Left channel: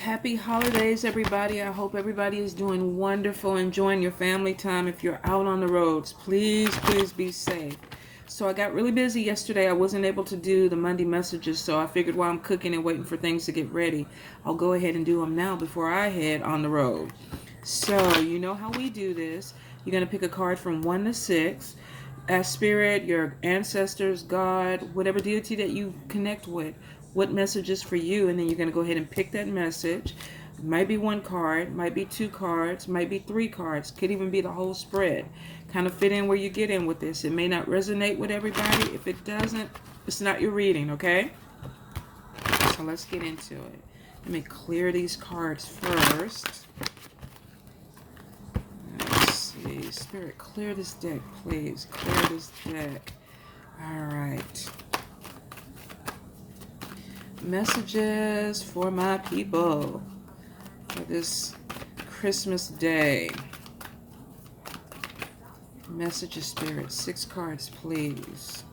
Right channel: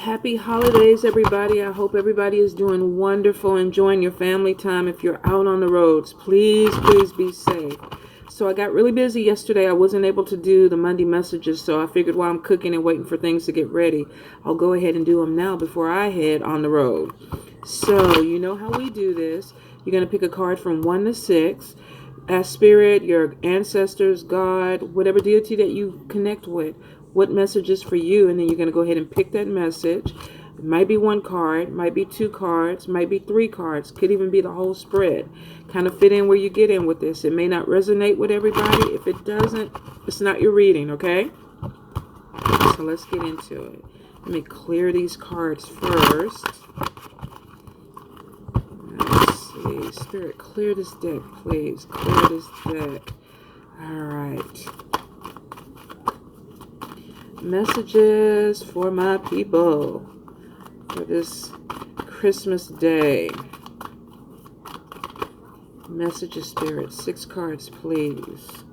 Happy holidays, everybody. I hope everybody is doing wonderful, enjoying your family time. If you're out on the roads, please be safe. So I got really busy yesterday. I wasn't able to do the Monday messages, so I figured while I'm cooking and waiting for things to get ready, I'll go ahead and do them now before I head on the road. So you know how we do this. You're going to pick a card from 1 to 6. Ask Spirit, your ancestors, God, whatever deity that you connect with, what message is for you, and then you're going to go ahead and pick that message. It might be one card, might be two cards, might be three cards, could even be the whole spread. Kind of fit in where you get in with this. It may not resonate with everybody. If it doesn't, it's not your reading, okay? So let's get into it. Let me clear these cards first. Let's see. Spirit, clear this deck, please. Clear this deck. All right. Messages for my people for this Christmas day. Messages, Spirit. 6 cards, please.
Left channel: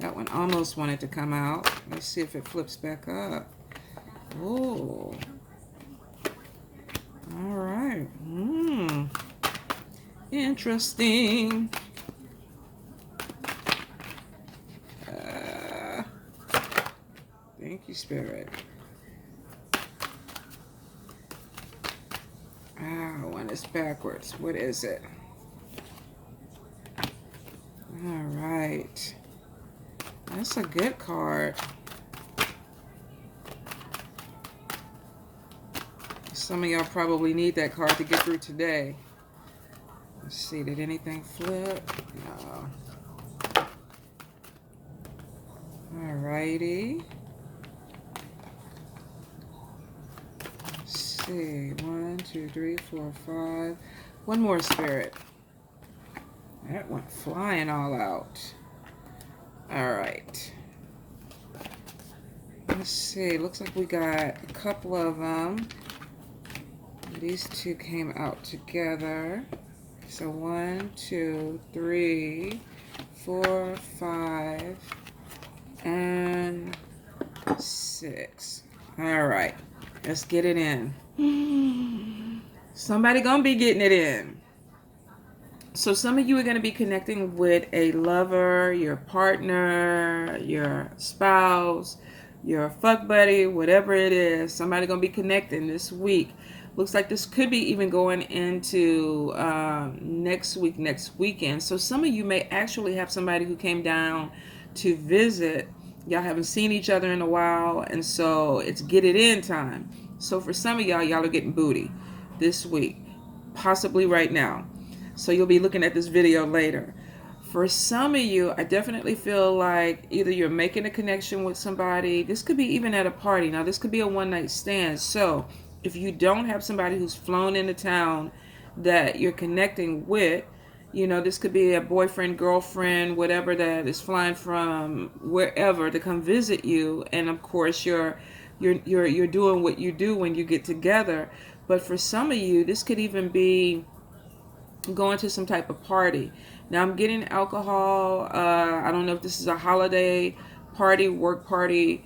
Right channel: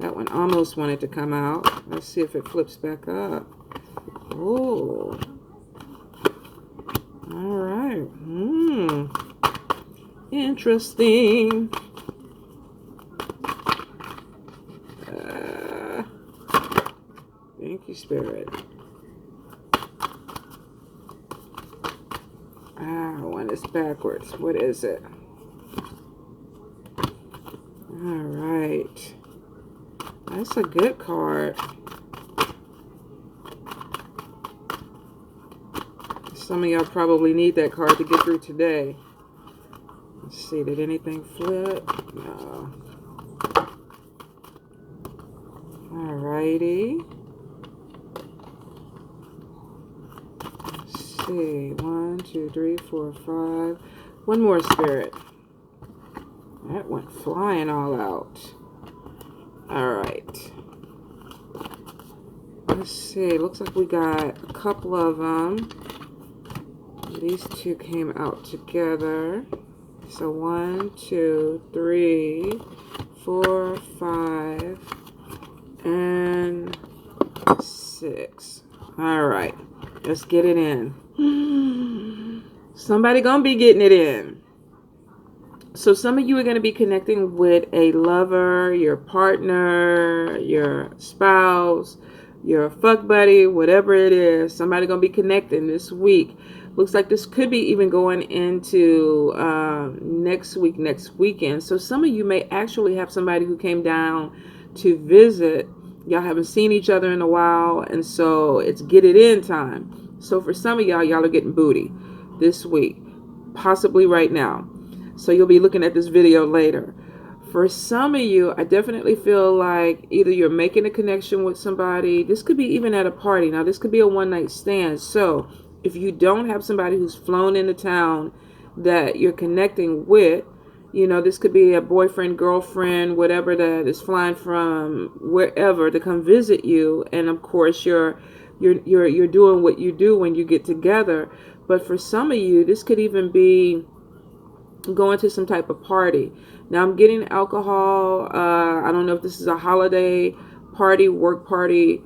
That one almost wanted to come out. Let's see if it flips back up. Oh. All right. Interesting. Thank you, Spirit. One is backwards. What is it? All right. That's a good card. Some of y'all probably need that card to get through today. Let's see, did anything flip? No. Alrighty. Let's see. 1, 2, 3, 4, 5. One more, Spirit. That went flying all out. Alright. Let's see. Looks like we got a couple of them. These two came out together. So 1, 2, 3, 4, 5, and 6. All right, let's get it in. Somebody gonna be getting it in. So some of you are gonna be connecting with a lover, your partner, your spouse, your fuck buddy, whatever it is. Somebody gonna be connecting this week. Looks like this could be even going into next weekend. So some of you may actually have somebody who came down to visit. Y'all haven't seen each other in a while, and so it's get it in time. So for some of y'all are getting booty this week, possibly right now. So you'll be looking at this video later. For some of you, I definitely feel like either you're making a connection with somebody. This could be even at a party. Now, this could be a one-night stand. So if you don't have somebody who's flown into town that you're connecting with, you know, this could be a boyfriend, girlfriend, whatever that is flying from wherever to come visit you. And of course, you're doing what you do when you get together. But for some of you, this could even be going to some type of party. Now I'm getting alcohol. I don't know if this is a holiday party, work party.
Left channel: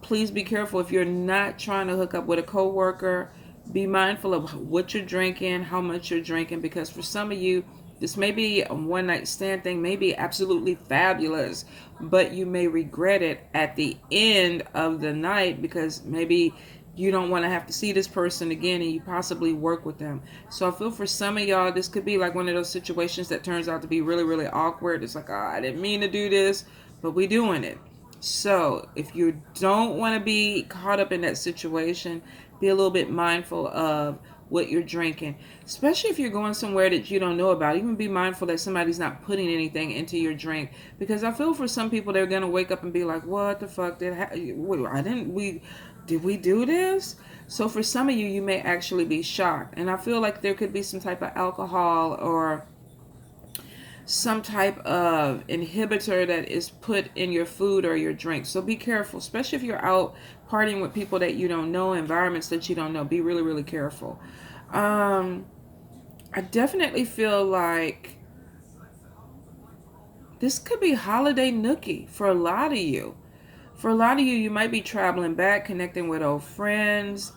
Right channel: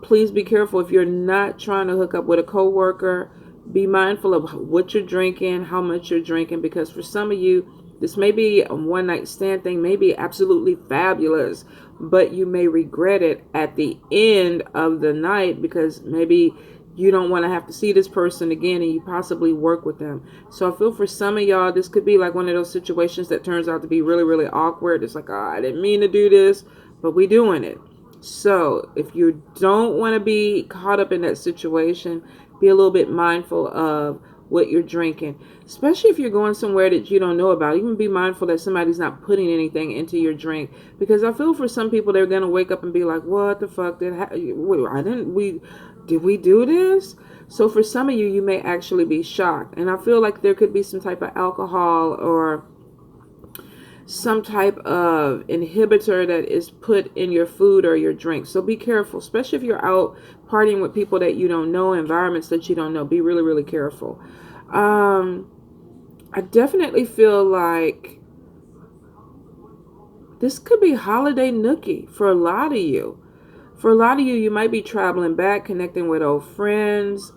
Please be careful if you're not trying to hook up with a coworker. Be mindful of what you're drinking, how much you're drinking, because for some of you, this may be a one night stand thing, may be absolutely fabulous, but you may regret it at the end of the night because maybe you don't want to have to see this person again and you possibly work with them. So I feel for some of y'all, this could be like one of those situations that turns out to be really, really awkward. It's like, oh, I didn't mean to do this, but we doing it. So if you don't want to be caught up in that situation, be a little bit mindful of what you're drinking, especially if you're going somewhere that you don't know about. Even be mindful that somebody's not putting anything into your drink, because I feel for some people they're gonna wake up and be like, "What the fuck did we do this?" So for some of you, you may actually be shocked, and I feel like there could be some type of alcohol or some type of inhibitor that is put in your food or your drink. So be careful, especially if you're out partying with people that you don't know, environments that you don't know. Be really, really careful. I definitely feel like This could be holiday nookie for a lot of you. For a lot of you, you might be traveling back, connecting with old friends,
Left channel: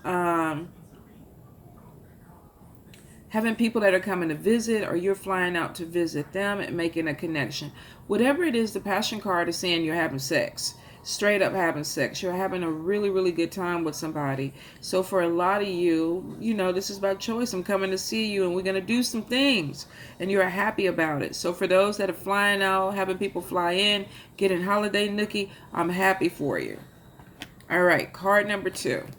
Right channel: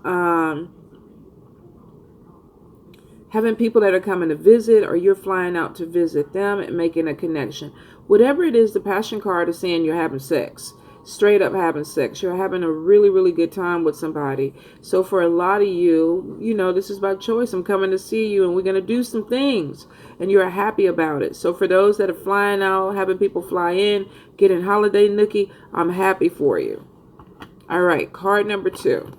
having people that are coming to visit, or you're flying out to visit them and making a connection. Whatever it is, the passion card is saying you're having sex. Straight up having sex. You're having a really, really good time with somebody. So for a lot of you, you know, this is by choice. I'm coming to see you and we're going to do some things. And you're happy about it. So for those that are flying out, having people fly in, getting holiday nookie, I'm happy for you. All right, card number 2.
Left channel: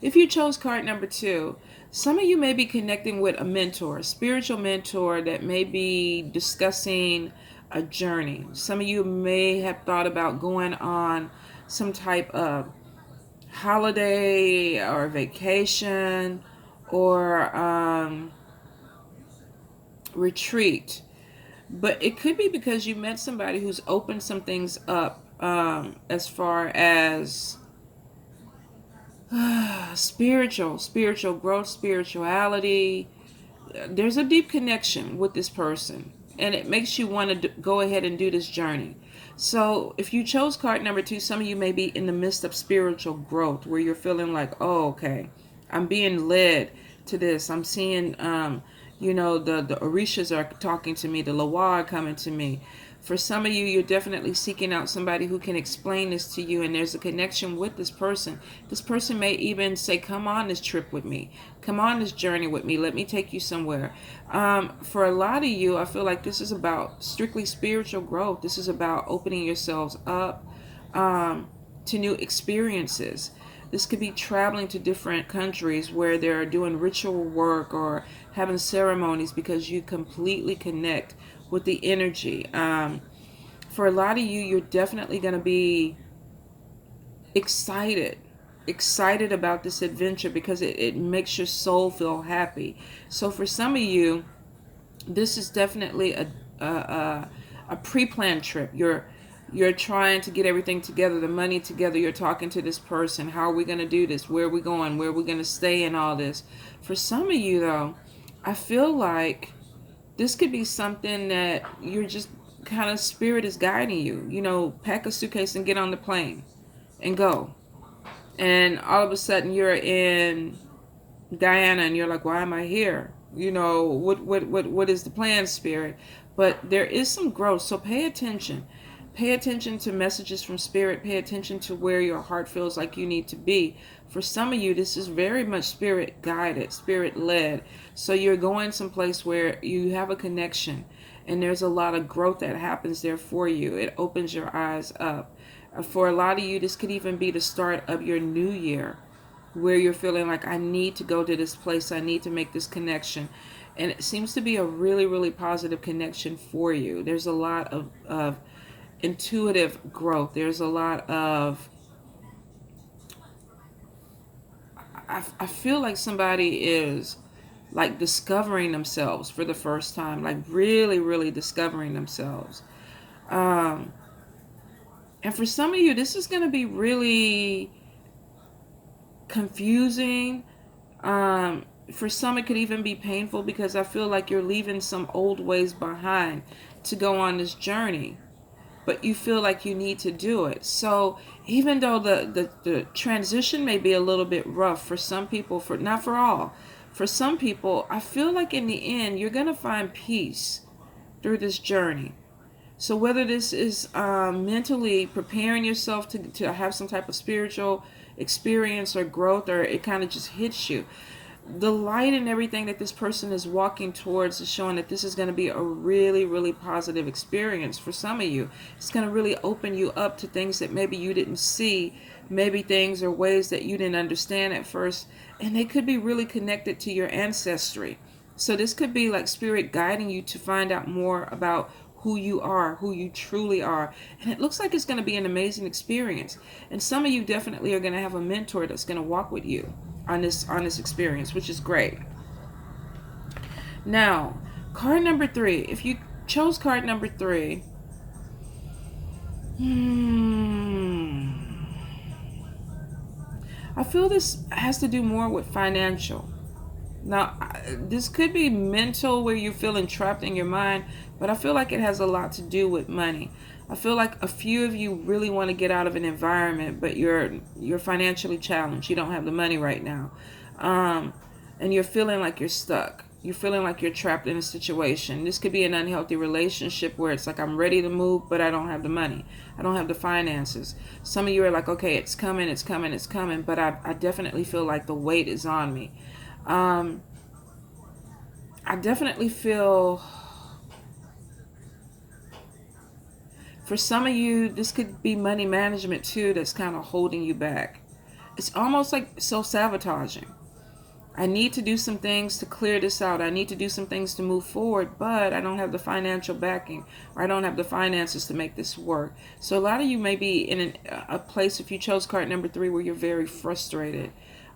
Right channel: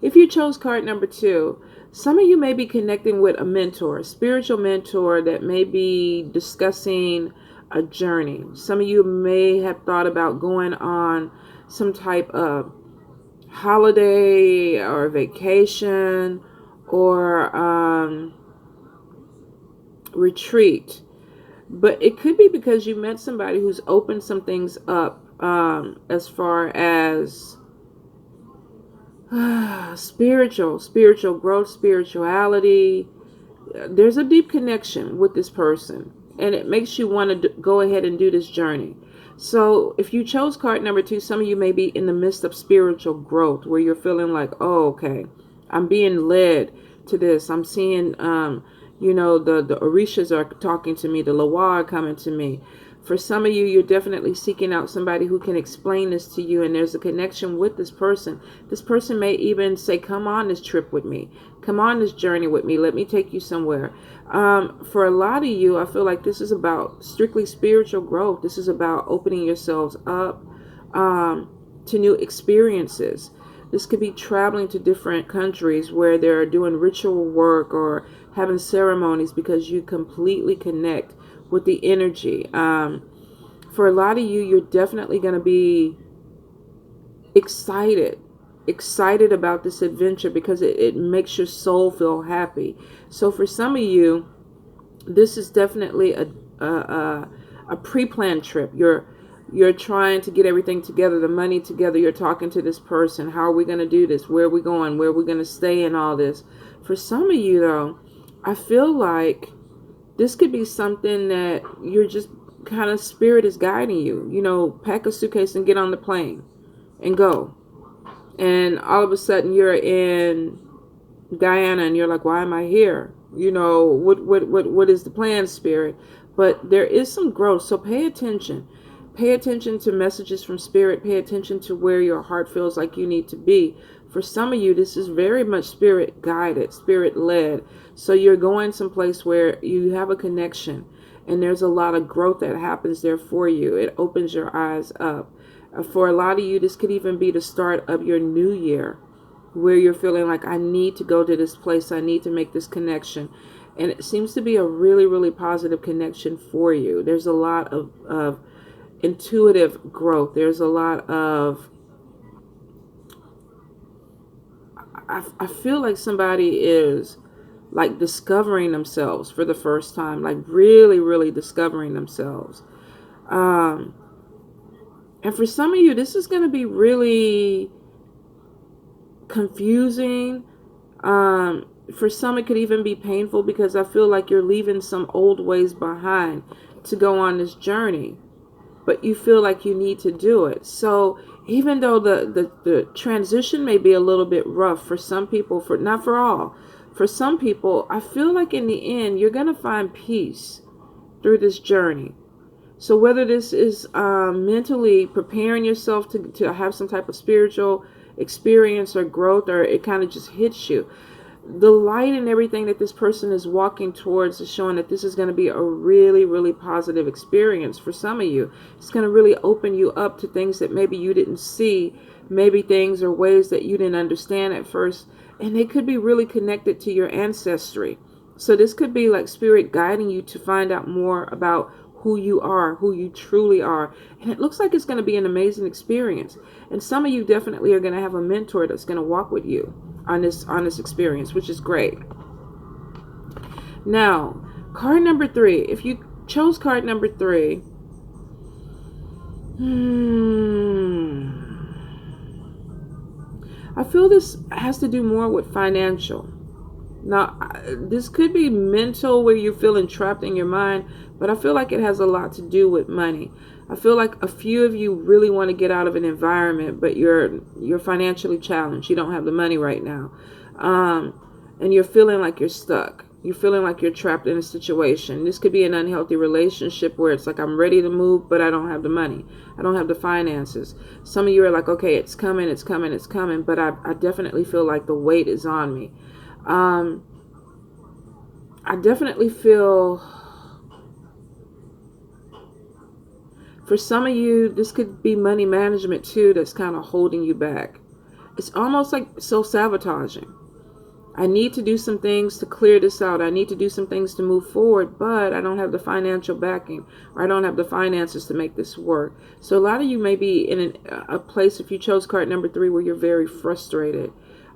If you chose card number 2, some of you may be connecting with a mentor, a spiritual mentor that may be discussing a journey. Some of you may have thought about going on some type of holiday or vacation or retreat. But it could be because you met somebody who's opened some things up as far as spiritual growth, spirituality. There's a deep connection with this person, and it makes you want to go ahead and do this journey. So if you chose card number 2, some of you may be in the midst of spiritual growth where you're feeling like, oh, okay, I'm being led to this. I'm seeing, you know, the Orishas are talking to me, the Lawa are coming to me. For some of you, you're definitely seeking out somebody who can explain this to you, and there's a connection with this person. This person may even say, come on this trip with me. Come on this journey with me. Let me take you somewhere. For a lot of you, I feel like this is about strictly spiritual growth. This is about opening yourselves up to new experiences. This could be traveling to different countries where they're doing ritual work or having ceremonies because you completely connect with the energy. For a lot of you, you're definitely going to be excited about this adventure because it makes your soul feel happy. So for some of you, this is definitely a pre-planned trip. You're trying to get everything together, the money together. You're talking to this person. How are we going to do this? Where are we going? Where are we going to stay and all this? For some of you, though, I feel like this could be something that you're just kind of spirit is guiding you. You know, pack a suitcase and get on the plane and go. And all of a sudden you're in Guyana and you're like, why am I here? You know, what is the plan, spirit? But there is some growth. So pay attention. Pay attention to messages from spirit. Pay attention to where your heart feels like you need to be. For some of you, this is very much spirit guided, spirit led. So you're going someplace where you have a connection and there's a lot of growth that happens there for you. It opens your eyes up. For a lot of you, this could even be the start of your new year where you're feeling like, I need to go to this place. I need to make this connection. And it seems to be a really, really positive connection for you. There's a lot of intuitive growth. There's a lot of, I feel like somebody is like discovering themselves for the first time, like really, really discovering themselves. And for some of you, this is going to be really confusing. For some, it could even be painful because I feel like you're leaving some old ways behind to go on this journey, but you feel like you need to do it. So even though the transition may be a little bit rough for some people, not for all, for some people, I feel like in the end, you're going to find peace through this journey. So whether this is mentally preparing yourself to have some type of spiritual experience or growth, or it kind of just hits you, the light and everything that this person is walking towards is showing that this is going to be a really, really positive experience for some of you. It's going to really open you up to things that maybe you didn't see, maybe things or ways that you didn't understand at first, and they could be really connected to your ancestry. So this could be like spirit guiding you to find out more about who you are, who you truly are. And it looks like it's going to be an amazing experience. And some of you definitely are going to have a mentor that's going to walk with you on this experience, which is great. Now, card number 3. If you chose card number 3, I feel this has to do more with financial. Now, this could be mental where you're feeling trapped in your mind, but I feel like it has a lot to do with money. I feel like a few of you really want to get out of an environment, but you're financially challenged. You don't have the money right now, and you're feeling like you're stuck. You're feeling like you're trapped in a situation. This could be an unhealthy relationship where it's like, I'm ready to move, but I don't have the money. I don't have the finances. Some of you are like, okay, it's coming, it's coming, it's coming, but I definitely feel like the weight is on me. I definitely feel, for some of you, this could be money management too that's kind of holding you back. It's almost like self-sabotaging. I need to do some things to clear this out. I need to do some things to move forward, but I don't have the financial backing, or I don't have the finances to make this work. So a lot of you may be in a place, if you chose card number 3, where you're very frustrated.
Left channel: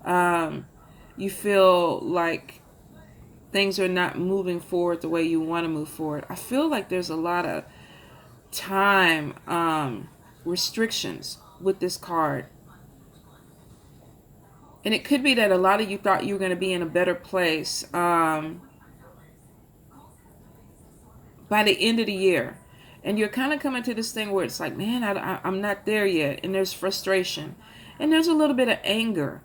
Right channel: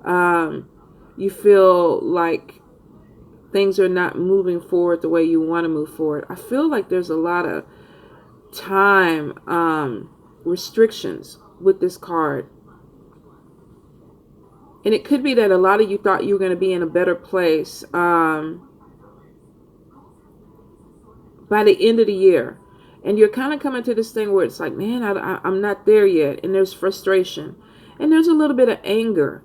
You feel like things are not moving forward the way you want to move forward. I feel like there's a lot of time restrictions with this card. And it could be that a lot of you thought you were going to be in a better place by the end of the year. And you're kind of coming to this thing where it's like, man, I'm not there yet. And there's frustration. And there's a little bit of anger.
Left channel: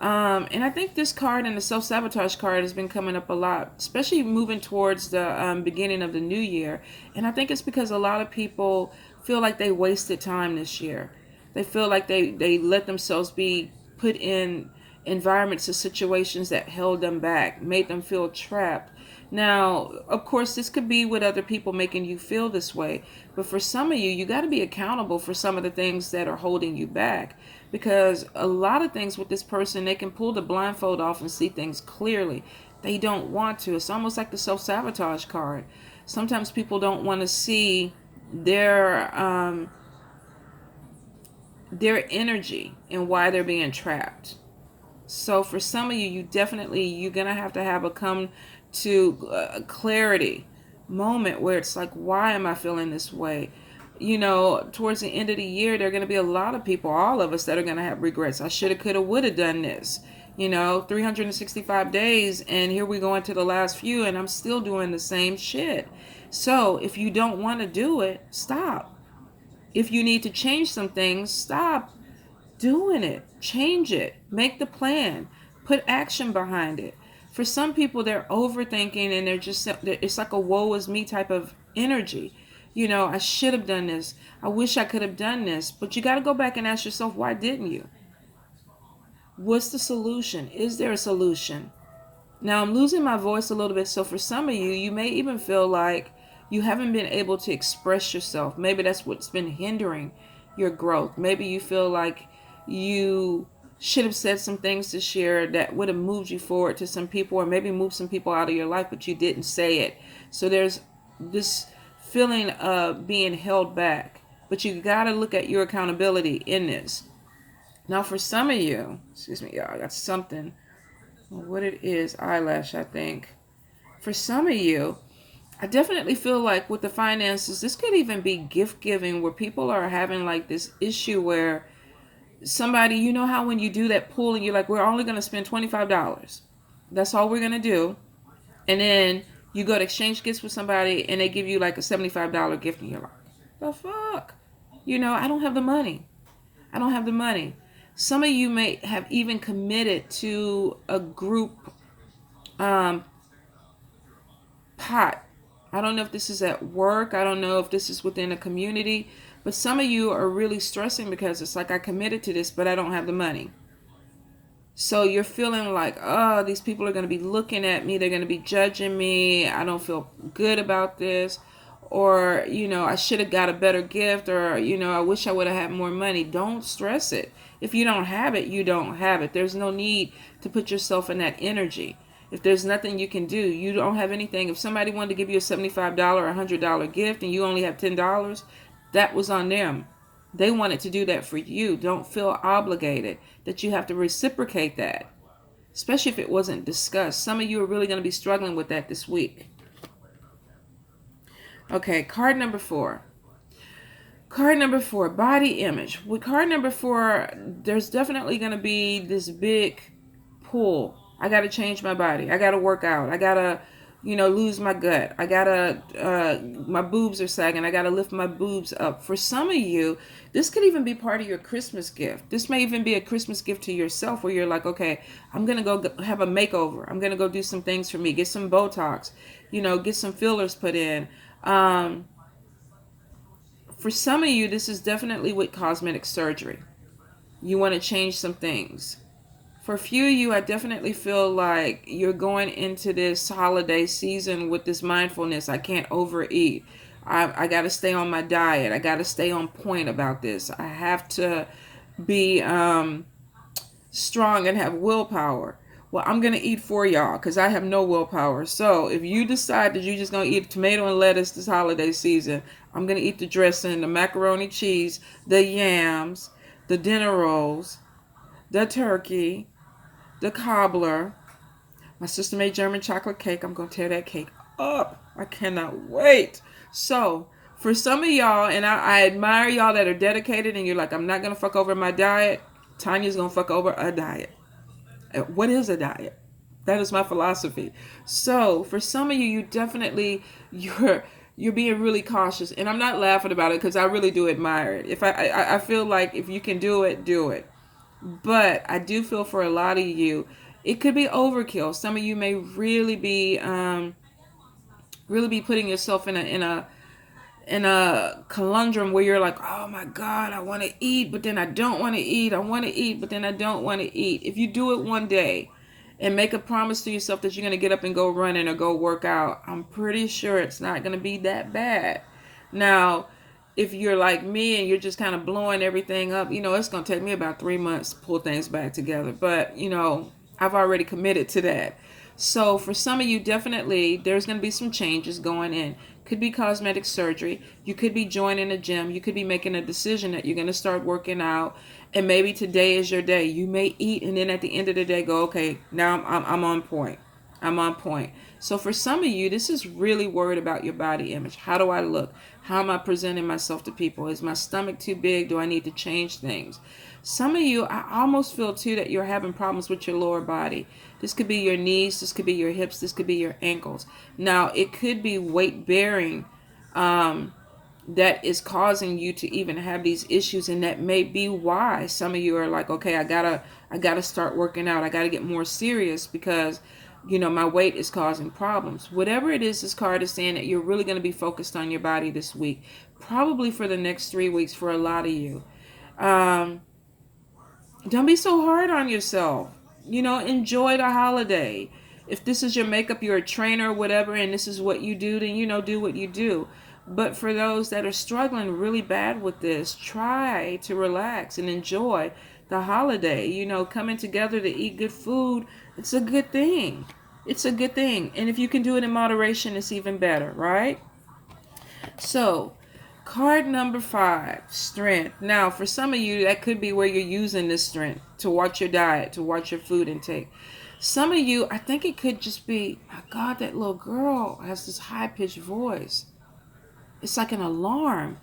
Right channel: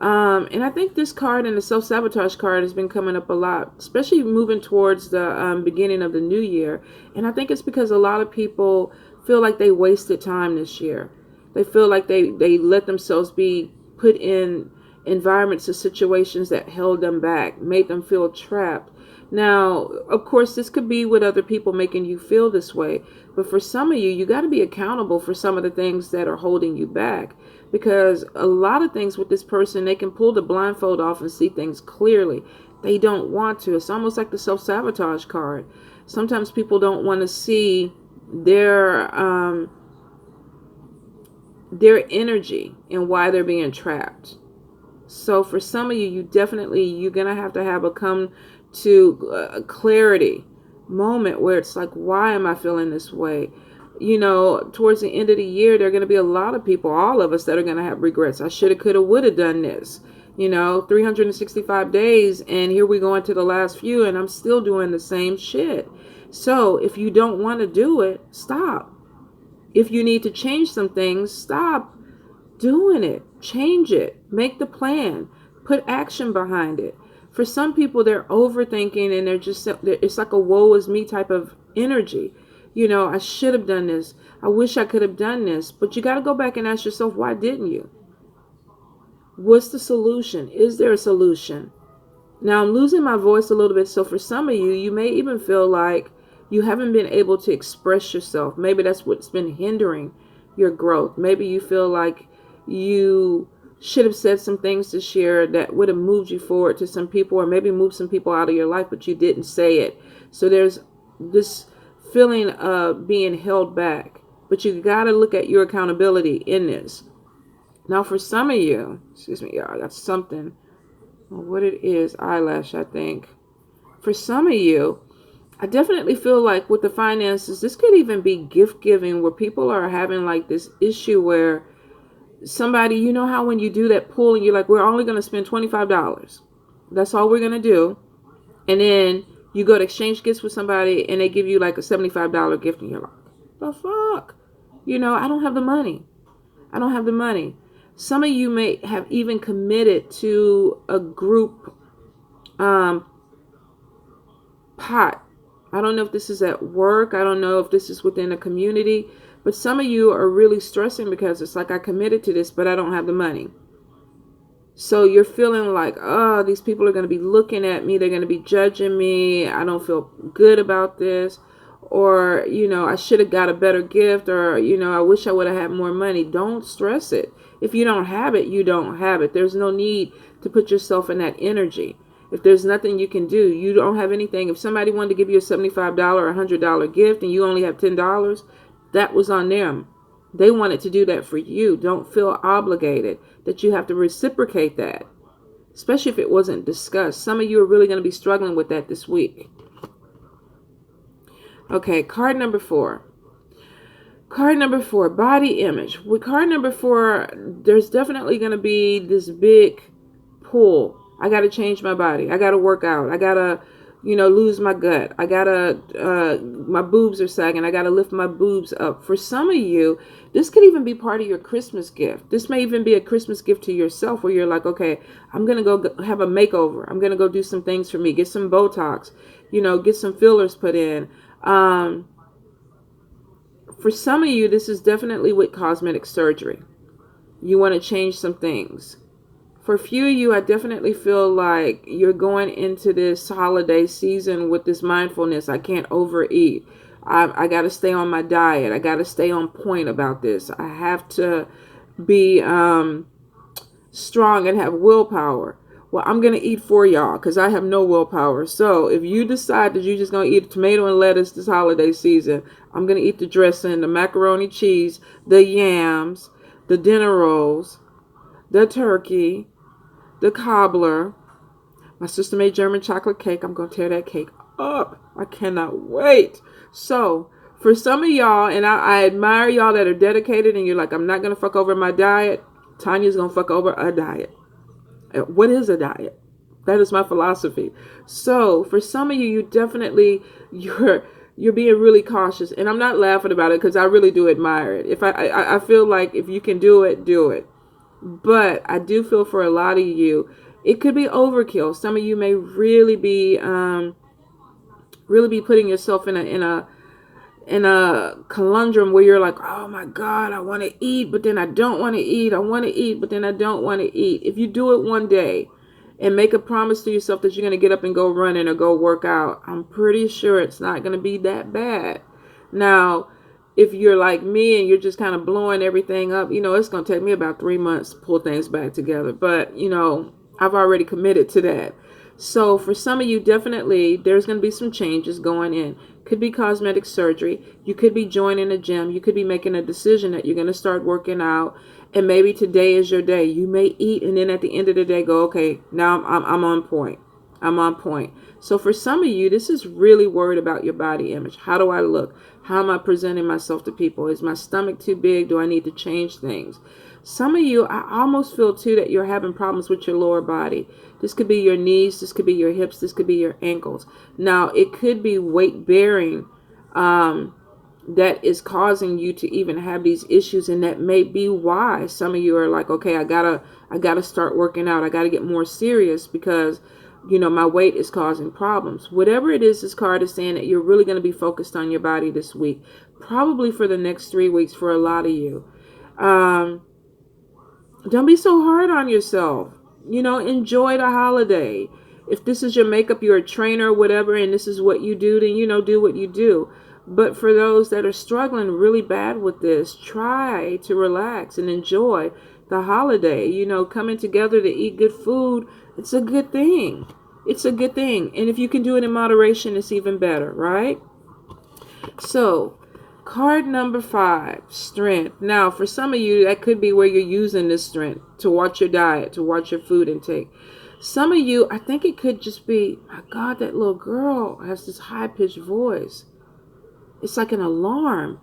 And I think this card and the self-sabotage card has been coming up a lot, especially moving towards the beginning of the new year. And I think it's because a lot of people feel like they wasted time this year. They feel like they let themselves be put in environments or situations that held them back, made them feel trapped. Now, of course, this could be with other people making you feel this way. But for some of you, you got to be accountable for some of the things that are holding you back. Because a lot of things with this person, they can pull the blindfold off and see things clearly. They don't want to. It's almost like the self-sabotage card. Sometimes people don't want to see their energy and why they're being trapped. So for some of you, you're going to have a come to clarity moment where it's like, why am I feeling this way? You know, towards the end of the year, there are going to be a lot of people, all of us, that are going to have regrets. I should have, could have, would have done this. 365 days, and here we go into the last few, and I'm still doing the same shit. So if you don't want to do it, stop. If you need to change some things, stop doing it. Change it. Make the plan. Put action behind it. For some people, they're overthinking, and it's like a woe is me type of energy. I should have done this. I wish I could have done this. But you got to go back and ask yourself, why didn't you? What's the solution? Is there a solution? Now, I'm losing my voice a little bit. So for some of you, you may even feel like you haven't been able to express yourself. Maybe that's what's been hindering your growth. Maybe you feel like you should have said some things this year that would have moved you forward to some people, or maybe moved some people out of your life, but you didn't say it. So there's this feeling of being held back. But you got to look at your accountability in this. Now, for some of you, excuse me, y'all, I got something. What it is, eyelash, I think. For some of you, I definitely feel like with the finances, this could even be gift giving, where people are having like this issue where somebody, you know how when you do that pool and you're like, we're only going to spend $25. That's all we're going to do. And then you go to exchange gifts with somebody and they give you like a $75 gift and you're like, the fuck? I don't have the money. I don't have the money. Some of you may have even committed to a group pot. I don't know if this is at work. I don't know if this is within a community. But some of you are really stressing because it's like, I committed to this, but I don't have the money. So you're feeling like, oh, these people are going to be looking at me. They're going to be judging me. I don't feel good about this. Or, I should have got a better gift. Or, I wish I would have had more money. Don't stress it. If you don't have it, you don't have it. There's no need to put yourself in that energy. If there's nothing you can do, you don't have anything. If somebody wanted to give you a $75 or $100 gift and you only have $10, that was on them. They wanted to do that for you. Don't feel obligated that you have to reciprocate that, especially if it wasn't discussed. Some of you are really going to be struggling with that this week. Okay, card number 4. Card number 4, body image. With card number 4, there's definitely going to be this big pull. I got to change my body. I got to work out. I got to lose my gut. I gotta, my boobs are sagging. I gotta lift my boobs up. For some of you, this could even be part of your Christmas gift. This may even be a Christmas gift to yourself where you're like, okay, I'm gonna go have a makeover. I'm gonna go do some things for me. Get some Botox, get some fillers put in. For some of you, this is definitely with cosmetic surgery. You want to change some things. For a few of you, I definitely feel like you're going into this holiday season with this mindfulness. I can't overeat. I got to stay on my diet. I got to stay on point about this. I have to be strong and have willpower. Well, I'm going to eat for y'all because I have no willpower. So if you decide that you're just going to eat tomato and lettuce this holiday season, I'm going to eat the dressing, the macaroni cheese, the yams, the dinner rolls, the turkey, the cobbler. My sister made German chocolate cake. I'm going to tear that cake up. I cannot wait. So for some of y'all, and I admire y'all that are dedicated and you're like, I'm not going to fuck over my diet. Tanya's going to fuck over a diet. What is a diet? That is my philosophy. So for some of you, you're being really cautious, and I'm not laughing about it because I really do admire it. If I feel like if you can do it, do it. But I do feel for a lot of you, it could be overkill. Some of you may really be putting yourself in a conundrum where you're like, oh my God, I want to eat, but then I don't want to eat. I want to eat, but then I don't want to eat. If you do it one day and make a promise to yourself that you're going to get up and go running or go work out, I'm pretty sure it's not going to be that bad. Now, if you're like me and you're just kind of blowing everything up, it's going to take me about 3 months to pull things back together. But, I've already committed to that. So for some of you, definitely, there's going to be some changes going in. Could be cosmetic surgery. You could be joining a gym. You could be making a decision that you're going to start working out. And maybe today is your day. You may eat and then at the end of the day go, okay, now I'm on point. I'm on point. So for some of you, this is really worried about your body image. How do I look? How am I presenting myself to people? Is my stomach too big? Do I need to change things? Some of you, I almost feel too that you're having problems with your lower body. This could be your knees. This could be your hips. This could be your ankles. Now, it could be weight bearing that is causing you to even have these issues. And that may be why some of you are like, okay, I gotta start working out. I gotta get more serious because, my weight is causing problems. Whatever it is, this card is saying that you're really going to be focused on your body this week, probably for the next 3 weeks for a lot of you. Don't be so hard on yourself. Enjoy the holiday. If this is your makeup, you're a trainer or whatever, and this is what you do, then, do what you do. But for those that are struggling really bad with this, try to relax and enjoy the holiday. Coming together to eat good food, it's a good thing. It's a good thing. And if you can do it in moderation, it's even better, right? So, card number 5, strength. Now, for some of you, that could be where you're using this strength to watch your diet, to watch your food intake. Some of you, I think it could just be, my God, that little girl has this high-pitched voice. It's like an alarm.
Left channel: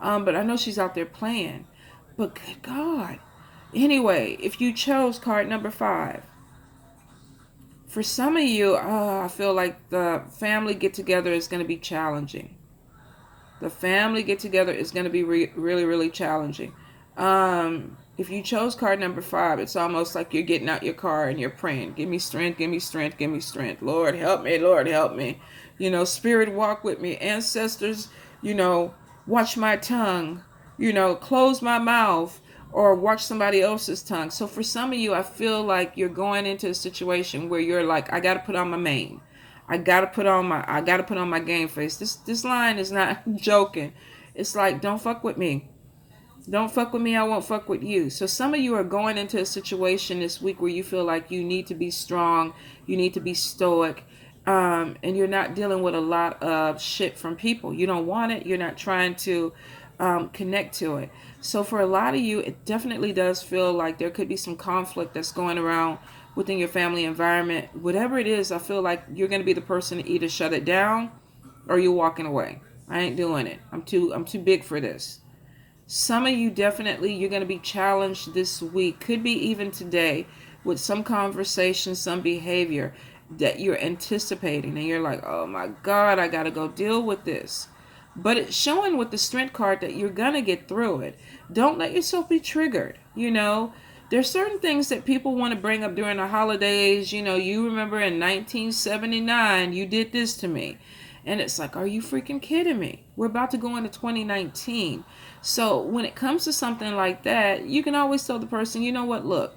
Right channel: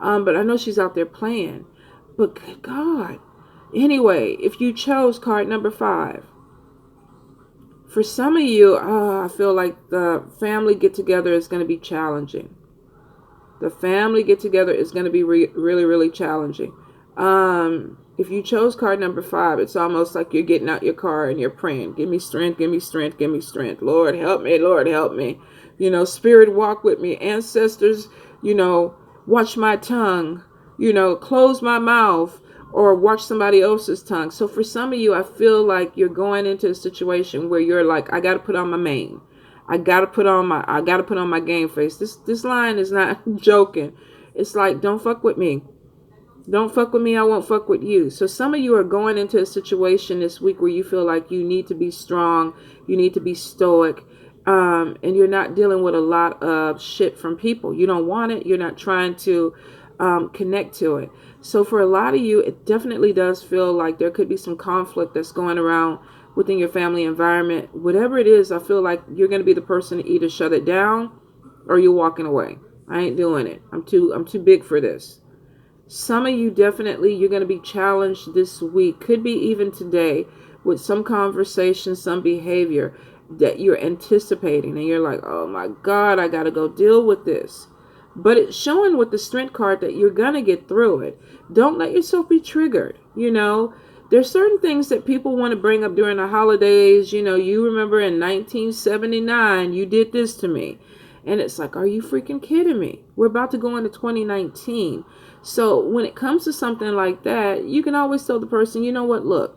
But I know she's out there playing. But good God. Anyway, if you chose card number 5, for some of you, I feel like the family get-together is going to be challenging. The family get-together is going to be really, really challenging. If you chose card number 5, it's almost like you're getting out your car and you're praying, give me strength, give me strength, give me strength. Lord, help me. Lord, help me. Spirit, walk with me. Ancestors, watch my tongue, close my mouth, or watch somebody else's tongue. So for some of you, I feel like you're going into a situation where you're like, I got to put on my mane. I gotta put on my game face. This line is not joking. It's like, don't fuck with me. Don't fuck with me, I won't fuck with you. So some of you are going into a situation this week where you feel like you need to be strong, you need to be stoic, and you're not dealing with a lot of shit from people. You don't want it. You're not trying to connect to it. So for a lot of you, it definitely does feel like there could be some conflict that's going around within your family environment. Whatever it is, I feel like you're going to be the person to either shut it down or you're walking away. I ain't doing it. I'm too big for this. Some of you definitely, you're going to be challenged this week. Could be even today with some conversation, some behavior. that you're anticipating, and you're like, oh my God, I gotta go deal with this. But it's showing with the Strength card that you're gonna get through it. Don't let yourself be triggered. There's certain things that people want to bring up during the holidays. You remember in 1979 you did this to me, and it's like, are you freaking kidding me? We're about to go into 2019. So when it comes to something like that, you can always tell the person, you know what, look,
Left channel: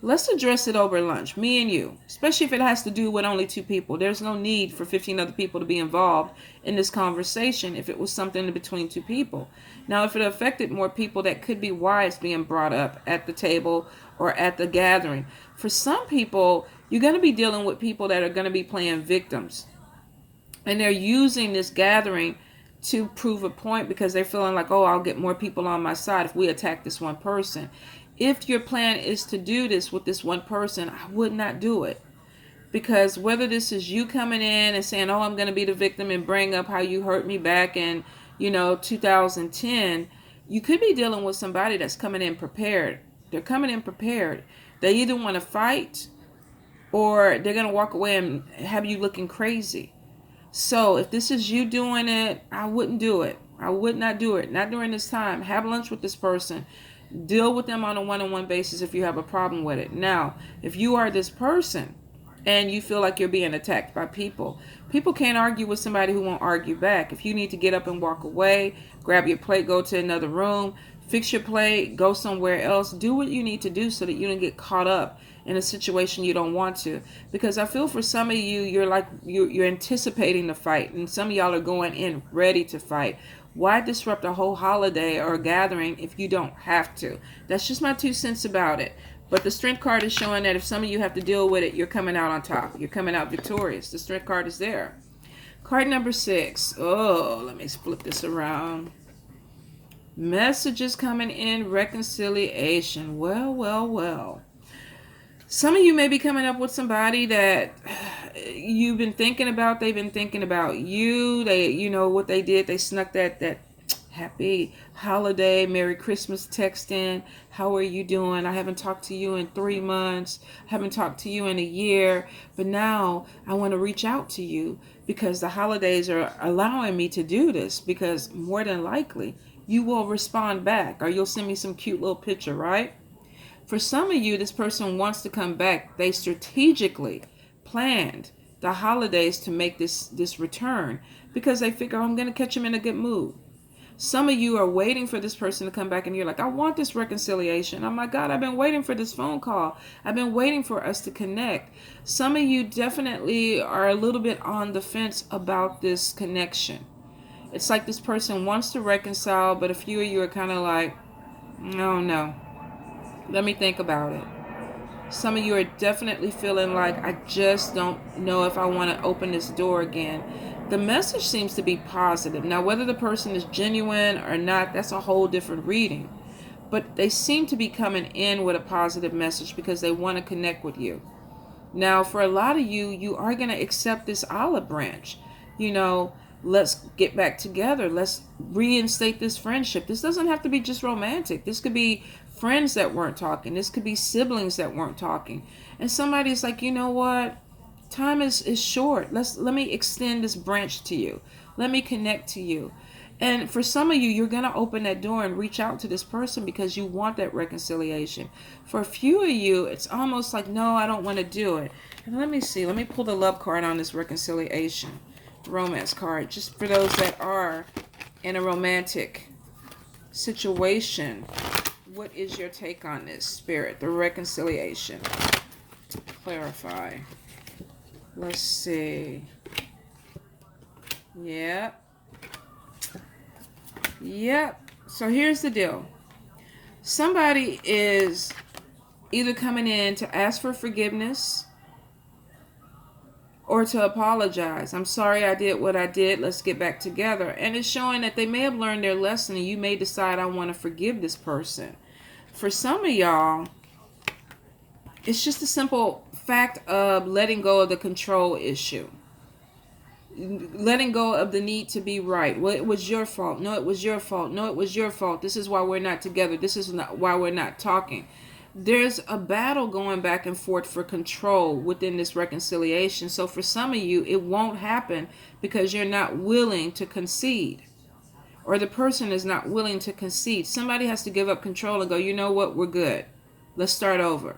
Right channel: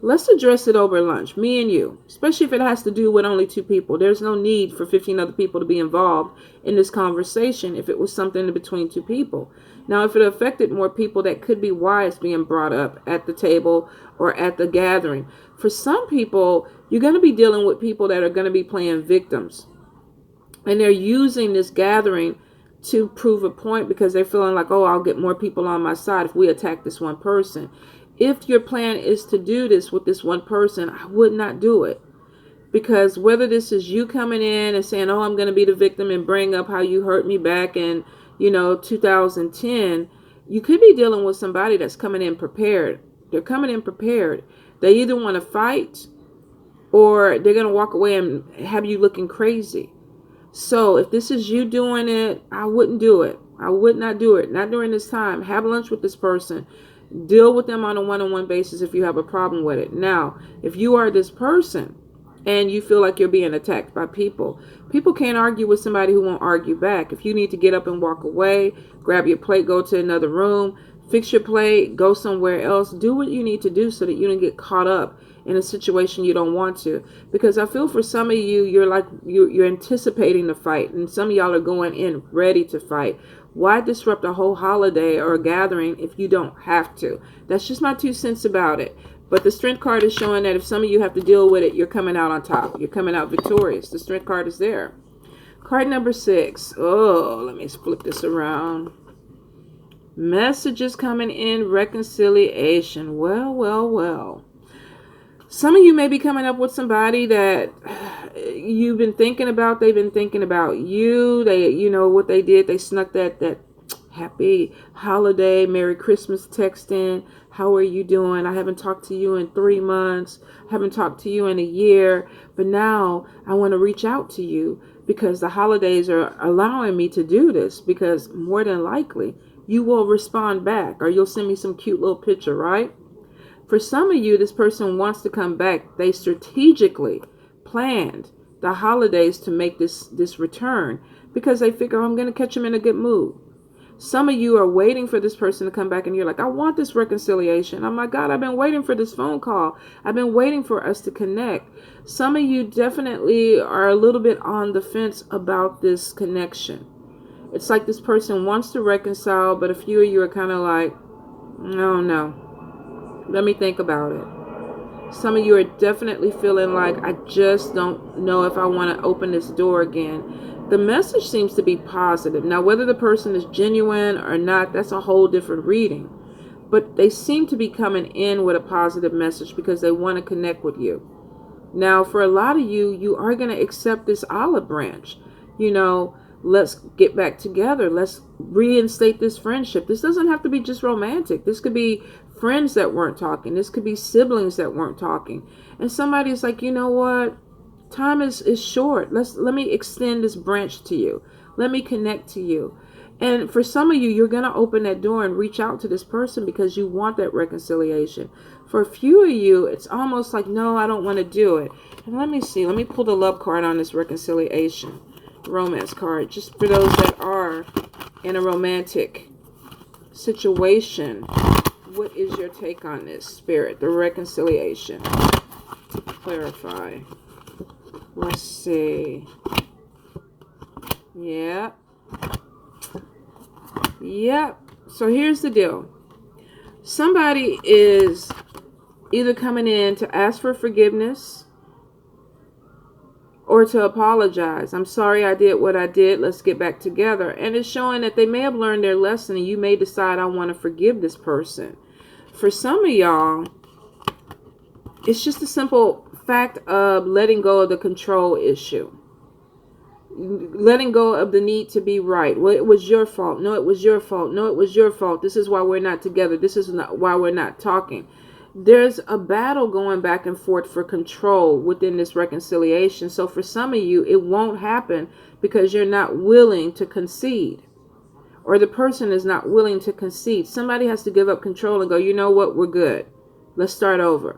let's address it over lunch, me and you, especially if it has to do with only two people. There's no need for 15 other people to be involved in this conversation if it was something between two people. Now, if it affected more people, that could be why it's being brought up at the table or at the gathering. For some people, you're going to be dealing with people that are going to be playing victims. And they're using this gathering to prove a point because they're feeling like, oh, I'll get more people on my side if we attack this one person. If your plan is to do this with this one person, I would not do it. Because whether this is you coming in and saying, oh, I'm going to be the victim and bring up how you hurt me back in, 2010, you could be dealing with somebody that's coming in prepared. They're coming in prepared. They either want to fight or they're going to walk away and have you looking crazy. So if this is you doing it, I wouldn't do it. I would not do it. Not during this time. Have lunch with this person. Deal with them on a one-on-one basis if you have a problem with it. Now, if you are this person and you feel like you're being attacked by people can't argue with somebody who won't argue back. If you need to get up and walk away, grab your plate, go to another room, fix your plate, go somewhere else, do what you need to do so that you don't get caught up in a situation you don't want to. Because I feel for some of you, you're anticipating the fight, and some of y'all are going in ready to fight. Why disrupt a whole holiday or a gathering if you don't have to? That's just my 2 cents about it. But the Strength card is showing that if some of you have to deal with it, you're coming out on top. You're coming out victorious. The Strength card is there. Card number 6. Oh, let me flip this around. Messages coming in, reconciliation. Well. Some of you may be coming up with somebody that you've been thinking about. They've been thinking about you. They, what they did. They snuck that happy holiday, Merry Christmas text in. How are you doing? I haven't talked to you in 3 months. I haven't talked to you in a year. But now I want to reach out to you because the holidays are allowing me to do this, because more than likely you will respond back or you'll send me some cute little picture, right? For some of you, this person wants to come back. They strategically planned the holidays to make this return because they figure, I'm going to catch them in a good mood. Some of you are waiting for this person to come back and you're like, I want this reconciliation. Oh my God, I've been waiting for this phone call. I've been waiting for us to connect. Some of you definitely are a little bit on the fence about this connection. It's like this person wants to reconcile, but a few of you are kind of like, no. Let me think about it. Some of you are definitely feeling like, I just don't know if I want to open this door again. The message seems to be positive. Now, whether the person is genuine or not, that's a whole different reading. But they seem to be coming in with a positive message because they want to connect with you. Now, for a lot of you, you are going to accept this olive branch. Let's get back together. Let's reinstate this friendship. This doesn't have to be just romantic. This could be friends that weren't talking. This could be siblings that weren't talking. And somebody's like, you know what? Time is short. Let me extend this branch to you. Let me connect to you. And for some of you, you're going to open that door and reach out to this person because you want that reconciliation. For a few of you, it's almost like, no, I don't want to do it. And let me see. Let me pull the love card on this reconciliation. Romance card. Just for those that are in a romantic situation. What is your take on this, Spirit? The reconciliation. To clarify. Let's see. Yep. So here's the deal. Somebody is either coming in to ask for forgiveness or to apologize. I'm sorry I did what I did. Let's get back together. And it's showing that they may have learned their lesson and you may decide, I want to forgive this person. For some of y'all, it's just a simple fact of letting go of the control issue. Letting go of the need to be right. Well, it was your fault. No, it was your fault. No, it was your fault. This is why we're not together. This is not why we're not talking. there's a battle going back and forth for control within this reconciliation. So for some of you, it won't happen because you're not willing to concede, or the person is not willing to concede. Somebody has to give up control and go, you know what, we're good. Let's start over.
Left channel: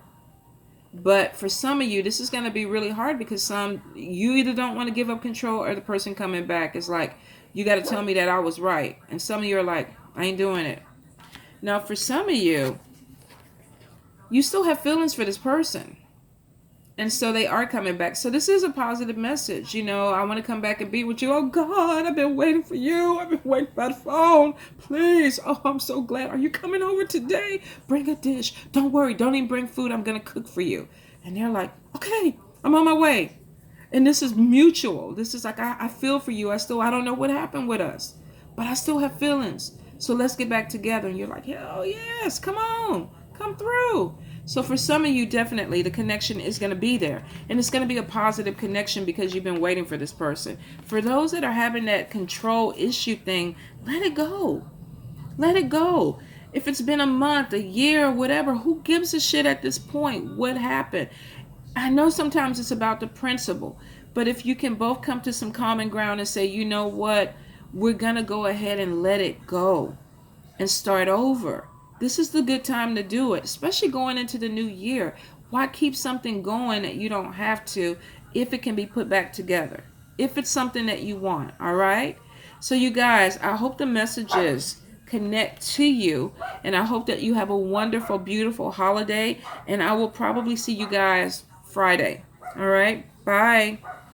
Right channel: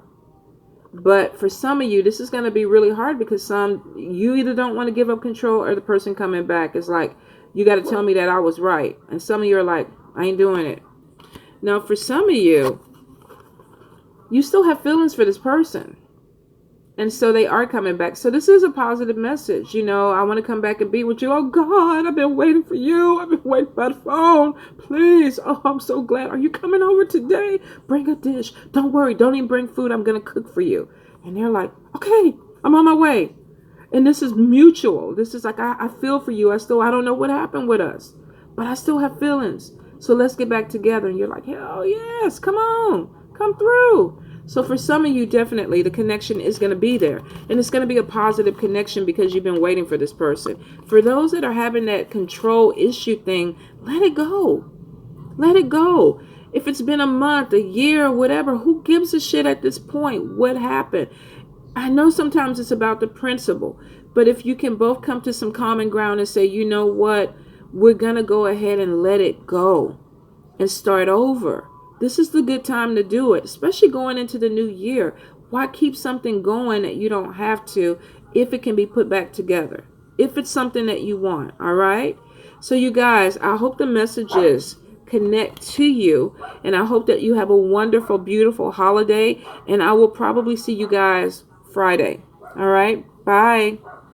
But for some of you, this is going to be really hard because you either don't want to give up control, or the person coming back is like, you got to tell me that I was right. And some of you are like, I ain't doing it. Now, for some of you, you still have feelings for this person. And so they are coming back. So this is a positive message. You know, I want to come back and be with you. Oh, God, I've been waiting for you. I've been waiting by the phone. Please. Oh, I'm so glad. Are you coming over today? Bring a dish. Don't worry. Don't even bring food. I'm going to cook for you. And they're like, okay, I'm on my way. And this is mutual. This is like, I feel for you. I don't know what happened with us, but I still have feelings. So let's get back together. And you're like, hell yes, come on, come through. So for some of you, definitely the connection is going to be there. And it's going to be a positive connection because you've been waiting for this person. For those that are having that control issue thing, let it go. Let it go. If it's been a month, a year, whatever, who gives a shit at this point? What happened? I know sometimes it's about the principle, but if you can both come to some common ground and say, you know what, we're going to go ahead and let it go and start over. This is the good time to do it, especially going into the new year. Why keep something going that you don't have to if it can be put back together? If it's something that you want, all right? So you guys, I hope the messages connect to you, and I hope that you have a wonderful, beautiful holiday, and I will probably see you guys Friday. All right? Bye.